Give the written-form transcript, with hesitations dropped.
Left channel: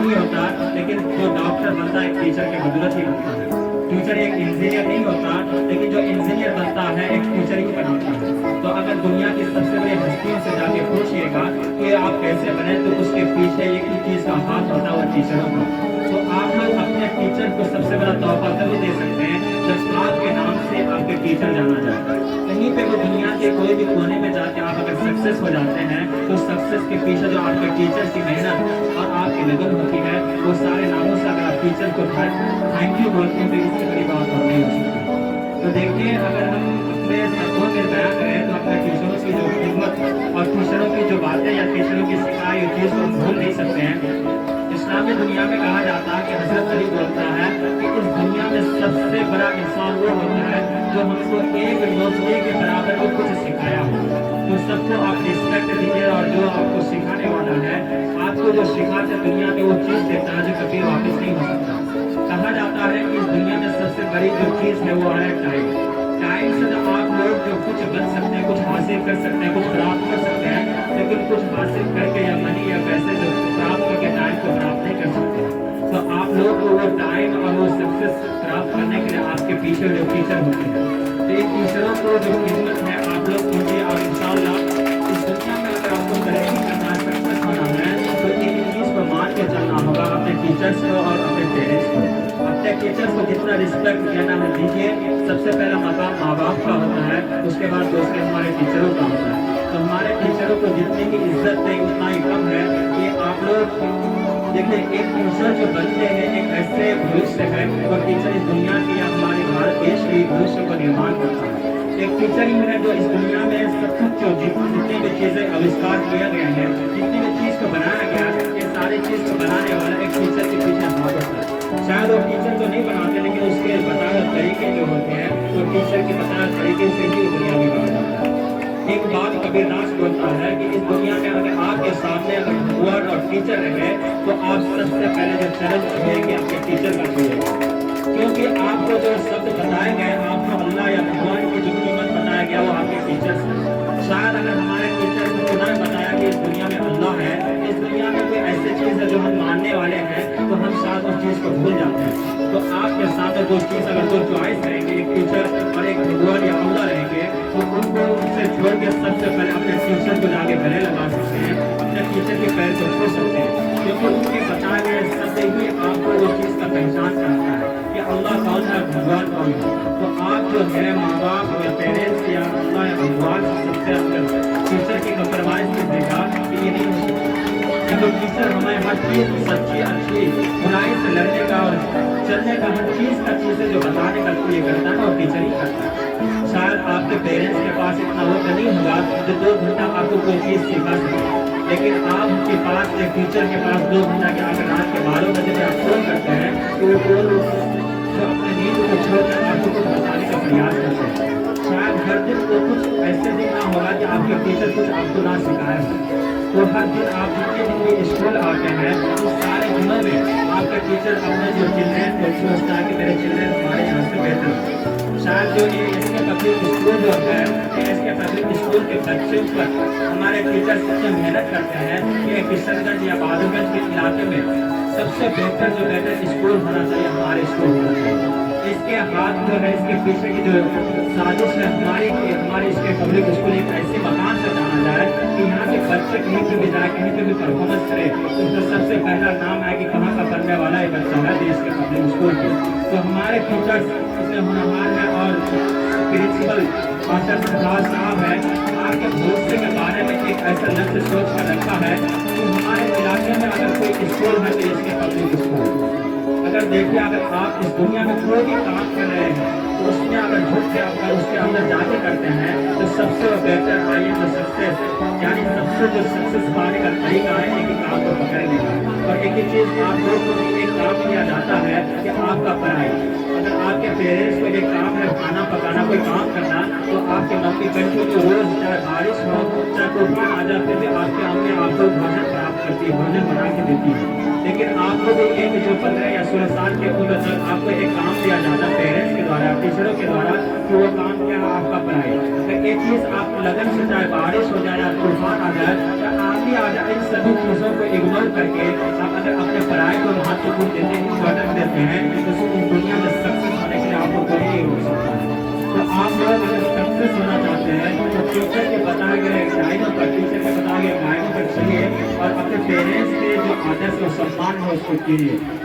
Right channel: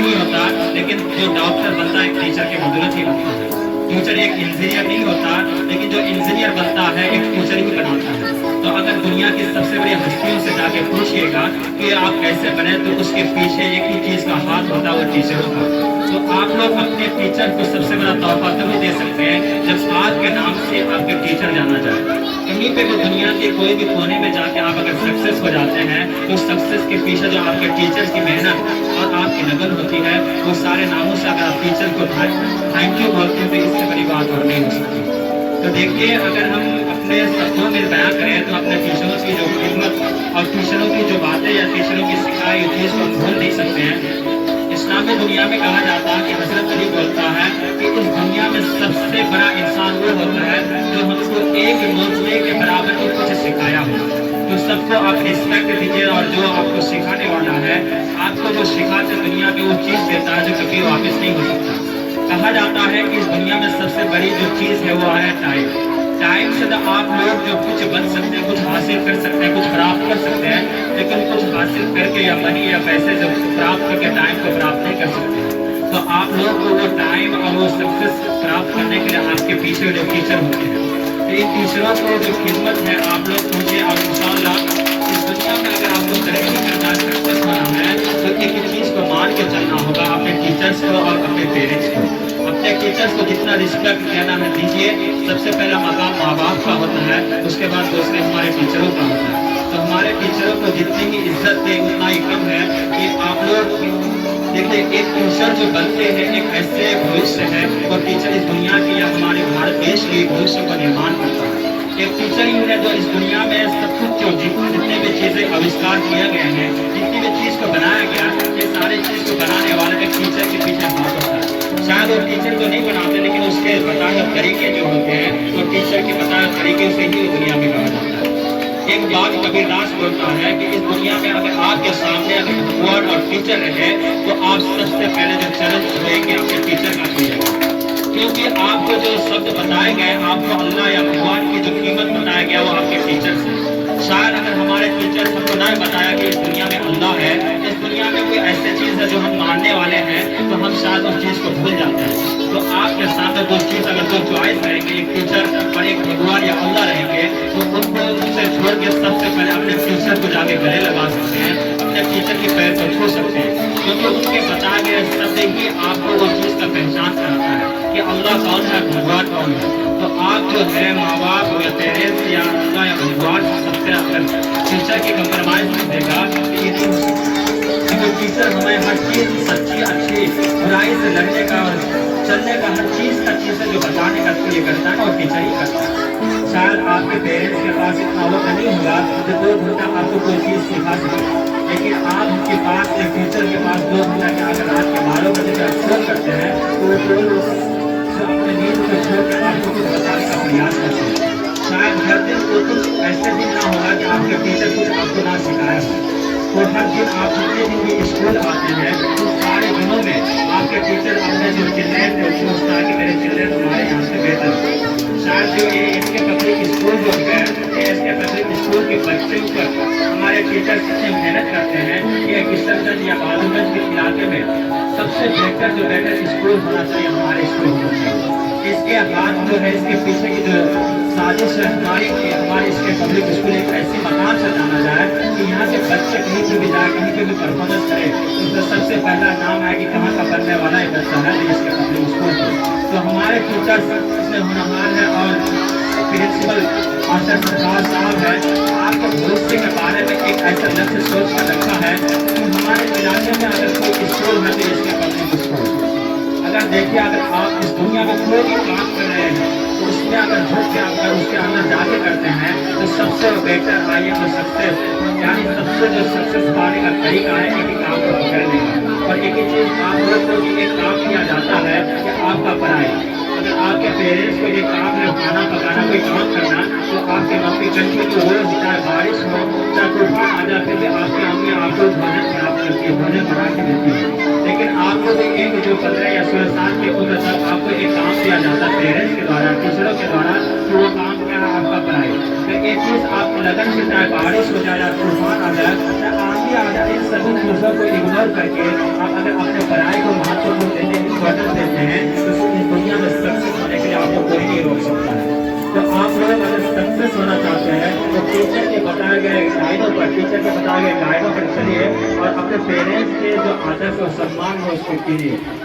नहीं होता, लेकिन जो डॉक्टर बनता है एक टीचर की बदौलत ही बनता है। टीचर एक इंजीनियर नहीं होता, लेकिन जो इंजीनियर बनता है एक टीचर ही बनाता है। तो अगर दुनिया की सबसे बड़ी हस्तियों से जाके पूछिएगा कि आप कैसे बने, तो उसके पीछे एक ही चीज का हाथ होता है, वो टीचरों का। तो आप लोग अपने टीचर को सबसे बड़ा तोहफा तभी दे सकते हैं जब आपके नाम से आपके टीचर जाना जाए। कहीं पे भी दुनिया के कोई भी कोने में जाके आप अगर सक्सेस हो जाते हैं, तो सक्सेस के पीछे जो आपके टीचर्स की मेहनत और आपकी लगन होती है, वो सारे नामों से अगर आप टीचर को थैंक यू बोलते हैं, तो इससे बड़ी बात और नहीं हो सकती। तो देखिए, अगर हम अपने शब्दों में बयां करें तो अपने टीचरों की जो खिदमत और टीचरों की जो बातें या टीचरों की सिखाई चीज़ को हम भूल नहीं सकते हैं। इस्लामी दुनिया में कहा जाता है कि हजरत अली बोलता है कि इस दुनिया में सबसे बड़ा इंसान वो होता है जो हमको एक नोचने के बराबर को कुछ सिखाया हो। तो सबको आप रिस्पेक्ट दीजिए, और जो आपको सिखाने वाला है, आपको जो सिखाते दुनिया में वो चीज़ देता है जो कभी वापस नहीं हो सकता। कहा जाता है कि इस दुनिया में सबसे बड़ी जो चीज़ है वो है टाइम। टाइम से तो आप लोग जो कुछ बन सकते हैं, कुछ हासिल कर सकते हैं, कुछ प्राप्त कर सकते हैं, लेकिन कुछ हासिल करके या मनी या पैसे जो प्राप्त करके टाइम को प्राप्त नहीं कर सकते। तो आप लोग को वो टाइम और वो सक्सेस प्राप्त करने के लिए आपके पीछे जो टीचर होते हैं, तो इन टीचरों को जो खिदमत है आप लोग कीजिए। और इंशाअल्लाह इस दुनिया में अगर आपको तरक्की करना है, सक्सेस होना है, तो एक चीज़ को मान के चलना होगा, अपने टीचर्स को और अपने पेरेंट्स को। अपने टीचर्स को जितना रिस्पेक्ट देना है दीजिए। सबसे पहला मकाम माँ बाप का होता है, उसके बाद दूसरे हमारे टीचरों का होता है। तो हमारे टीचरों को जितनी ही इज्जत दें उतना ही कम है कि आप लोग देखिए, एक टीचर जो बनते हैं एक ऐसे भविष्य है, और टीचर इस दुनिया की या हमारे भारत देश के भविष्य को निर्माण करता है। एक टीचर ही है जो इस दुनिया में सब कुछ जो जितने भी चीज़ें आविष्कार किए गए हैं, जितनी भी चीज़ को बनाया गया, ये सारी चीज़ को बनाने वाला एक टीचर के पीछे हाथ होता है। शायद वो टीचर को नहीं बनाते, लेकिन उसके बताए तरीके जो होते हैं, तो टीचर के बताए तरीके से ही वो दुनिया में कहा जाता है। एक बात कबीरदास बोलता है कि इस दुनिया में अगर आपके सामने अगर भगवान और टीचर रहे, तो आप सबसे पहले जो चरण छुएंगे अपने टीचर का छुएंगे। क्योंकि आपको जो शब्द बताए गए, आपको अल्लाह या भगवान की जो कीमत बताया गया, वो आपके टीचर से। शायद अगर हमारे टीचर हमको ना बताया कि इस दुनिया में अल्लाह है, इस दुनिया में कोई ऐसी चीज़ है जो हम मानने वाले हैं, तो हम शायद उस चीज़ को भूल जाते हैं। तो आपके साथ दो चीज़ अगर दो चॉइस रहेंगे, एक टीचर और एक भगवान या अल्लाह रहेंगे, तो उनको उनसे छोड़ के सबसे पहले अपने टीचर को जाके गले लगा सकते हैं, अपने टीचर के पैर को छू सकते हैं। क्योंकि उनके बताए गए शब्द ही आपको वो चीज़ का पहचान कराता है कि अल्लाह कौन है, भगवान कौन है। तो आप जो है माँ बाप या पेरेंट्स या अल्लाह या भगवान सबसे अगर टीचर की कंप्रोमाइज कर देगा, तो ये नहीं हो सकता। क्योंकि टीचर हमें हर चीज़ सच्ची अच्छी बुराई से लड़ने का और चलने का हर चीज़ का चीज़ जो बताने का ये करता है, और टीचर ही करता है। शायद आपके पेरेंट्स के पास इतना वक्त नहीं होगा जो 2 घंटा आपको कोई चीज़ सिखा सके, लेकिन आपके पास एक टीचर के पास 2 घंटा के अगर रात के 12 बजे से आप फोन करते हैं, तो वो जो अपने नींद को छोड़ के आपको कुछ बताने का प्रयास करते हैं। शायद हर दिन को कुछ ऐसे दिन ना होगा कि आपके टीचर कुछ आपको ना सिखाया हो। तो हर दिन आप जितने दिन भी स्कूल आते हैं, उस सारे दिनों में आपके टीचर अपने जो चिल्ड्रेन है सोचता है कि मेरे चिल्ड्रेन हमारे यहाँ से बेहतर। शायद जो ये इसके पब्लिक स्कूल जो है, इसके पब्लिक स्कूल के बच्चों पर हमारे टीचर इतनी मेहनत करते हैं कि किशनगंज या बालूगंज के इलाके में सबसे बेहतर स्कूल होना चाहिए, हमारे स्कूल होना चाहिए। इसके हाथ जो है, इसके पीछे की जो साजिश है हमारे इसके पब्लिक स्कूल एक ऐसी मकान से जाना जाए कि यहाँ से बच्चे कहीं पर भी जाए, कहीं पर भी परफॉर्मेंस करे, तो सबसे पहला नाम आए कि कहाँ का पढ़ने वाला ये बच्चा है इसके पब्लिक स्कूल के। तो हमारे टीचर्स इसमें होनहार है, और प्रिंसिपल आचार्य प्रसाद साहब है, आपके भविष्य के बारे में एक ऐसा लक्ष्य सोच कर रखा है कि हमारे इलाके में अगर कोई स्कूल है तो इसके पब्लिक स्कूल। अगर देखिए, अगर आप इस दुनिया में कोई भी काम कर रहे हैं, तो उसमें अगर झुक के अगर उसके अंदर जाके करते हैं, तो सबसे बेहतर आइए तो सक्सेस, यानी सबसे जो सक्सेस पाने का तरीका है एक ही काम को पकड़ने का। और एक ही चीज़ आप लोग को एक काम किया जाता है कि आपका पढ़ाई। अगर आपके पेरेंट्स को ये काम है खाना पकाना, कोई काम करना, तो आपके मम्मी कंटिन्यू रोज, चाहे बारिश हो चाहे तूफान आ जाते भी आपके अम्मी आपको भोजन प्राप्त करती है, भोजन बना के देती है। लेकिन आपको भी एक जो 15 या 16 साल की उम्र तक आपको एक काम दिया जाता है पेरेंट्स के द्वारा, टीचरों के द्वारा, कि वो काम क्या है, आपका पढ़ाई। तो एक चीज़ आपकी लगन से, चाहे बारिश हो जाए या तूफान आ जाए, चाहे आंधी आ जाए, इन सभी चीज़ों को इग्नोर करके आप अगर अपने पढ़ाई टीचर के बताए गए कायदों पर चलिए और अपने पेरेंट्स के जो आदर्श और सम्मान है उसको कीजिए।